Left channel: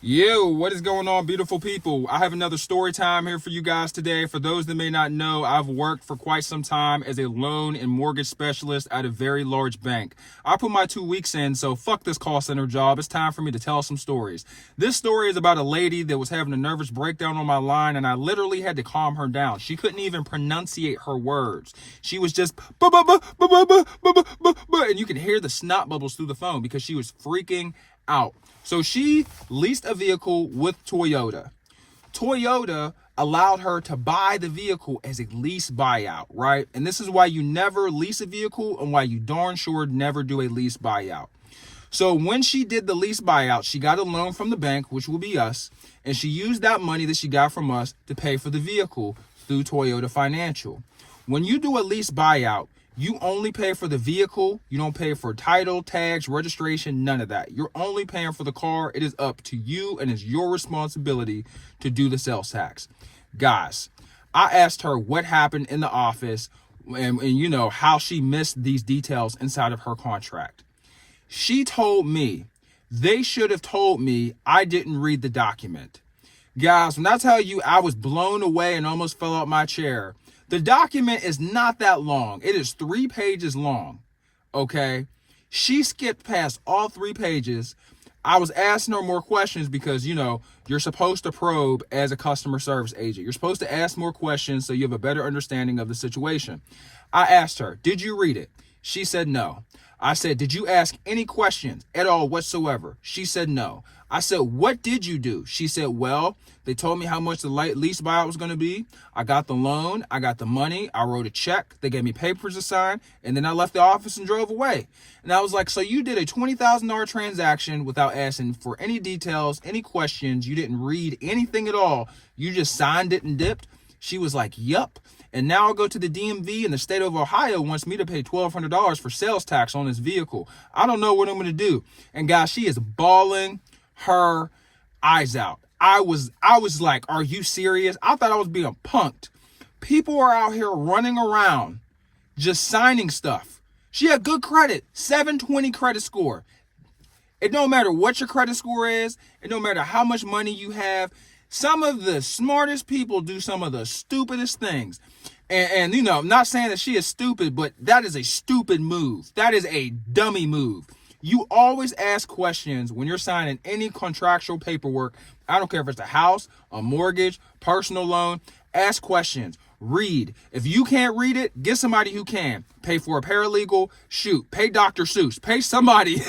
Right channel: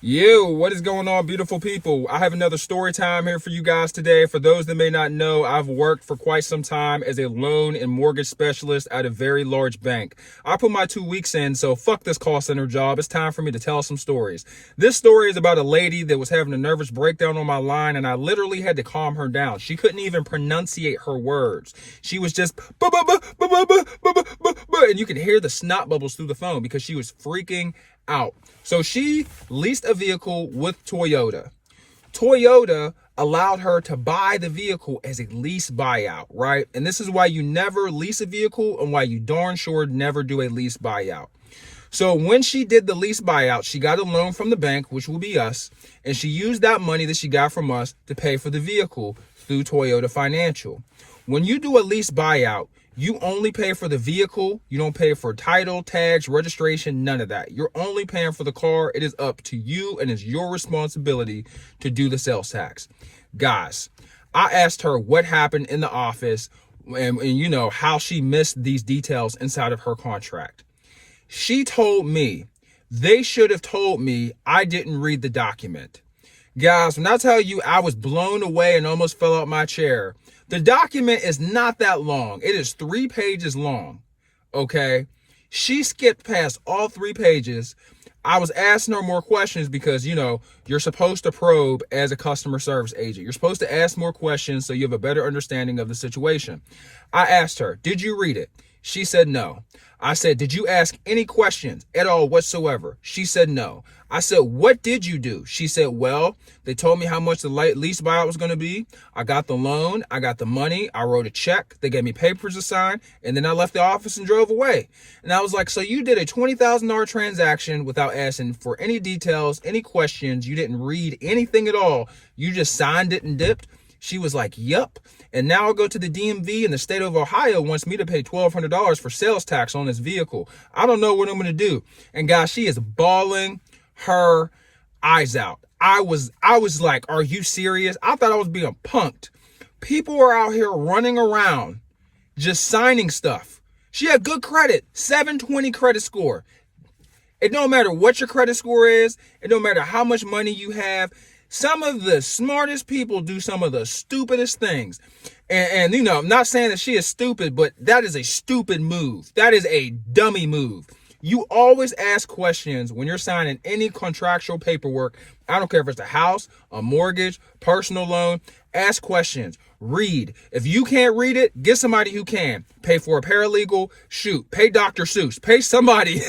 Yo, what is going on, beautiful people? I have another story time here for you guys today. For those that may not know, I've worked for quite some time as a loan and mortgage specialist at a very large bank. I put my 2 weeks in, so fuck this call center job. It's time for me to tell some stories. This story is about a lady that was having a nervous breakdown on my line, and I literally had to calm her down. She couldn't even pronunciate her words. She was just and you could hear the snot bubbles through the phone because she was freaking out. So she leased a vehicle with Toyota. Toyota allowed her to buy the vehicle as a lease buyout, right? And this is why you never lease a vehicle and why you darn sure never do a lease buyout. So when she did the lease buyout, she got a loan from the bank, which will be us, and she used that money that she got from us to pay for the vehicle through Toyota Financial. When you do a lease buyout, you only pay for the vehicle. You don't pay for title, tags, registration, none of that. You're only paying for the car. It is up to you and it's your responsibility to do the sales tax. Guys, I asked her what happened in the office and you know how she missed these details inside of her contract. She told me they should have told me I didn't read the document. Guys, when I tell you I was blown away and almost fell out my chair, the document is not that long. It is 3 pages long, okay? She skipped past all 3 pages. I was asking her more questions because, you know, you're supposed to probe as a customer service agent. You're supposed to ask more questions so you have a better understanding of the situation. I asked her, did you read it? She said no. I said, did you ask any questions at all whatsoever? She said no. I said, what did you do? She said, well, they told me how much the lease buyout was going to be. I got the loan. I got the money. I wrote a check. They gave me papers to sign. And then I left the office and drove away. And I was like, so you did a $20,000 transaction without asking for any details, any questions. You didn't read anything at all. You just signed it and dipped. She was like, yup. And now I'll go to the DMV and the state of Ohio wants me to pay $1,200 for sales tax on this vehicle. I don't know what I'm going to do. And guys, she is bawling her eyes out. I was like, are you serious? I thought I was being punked. People are out here running around just signing stuff. She had good credit, 720 credit score. It don't matter what your credit score is. It don't matter how much money you have. Some of the smartest people do some of the stupidest things. And you know, I'm not saying that she is stupid, but that is a stupid move. That is a dummy move. You always ask questions when you're signing any contractual paperwork. I don't care if it's a house, a mortgage, personal loan. Ask questions. Read. If you can't read it, get somebody who can. Pay for a paralegal. Shoot. Pay Dr. Seuss. Pay somebody.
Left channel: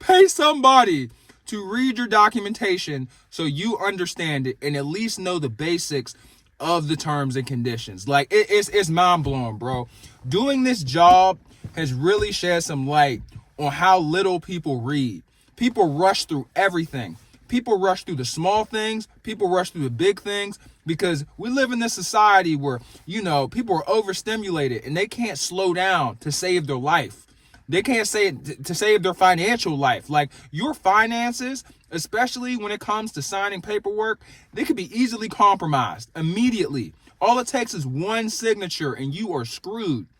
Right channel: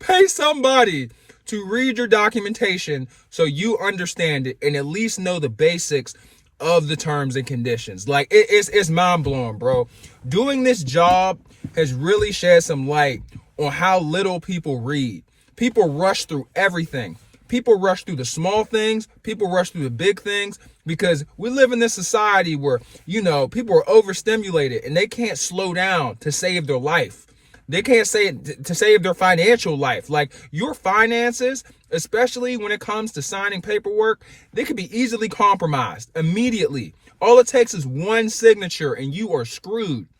Pay somebody to read your documentation so you understand it and at least know the basics of the terms and conditions. Like it's mind-blowing, bro. Doing this job has really shed some light on how little people read. People rush through everything. People rush through the small things. People rush through the big things because we live in this society where, you know, people are overstimulated and they can't slow down to save their life. They can't say it to save their financial life. Like your finances, especially when it comes to signing paperwork, they could be easily compromised immediately. All it takes is one signature and you are screwed.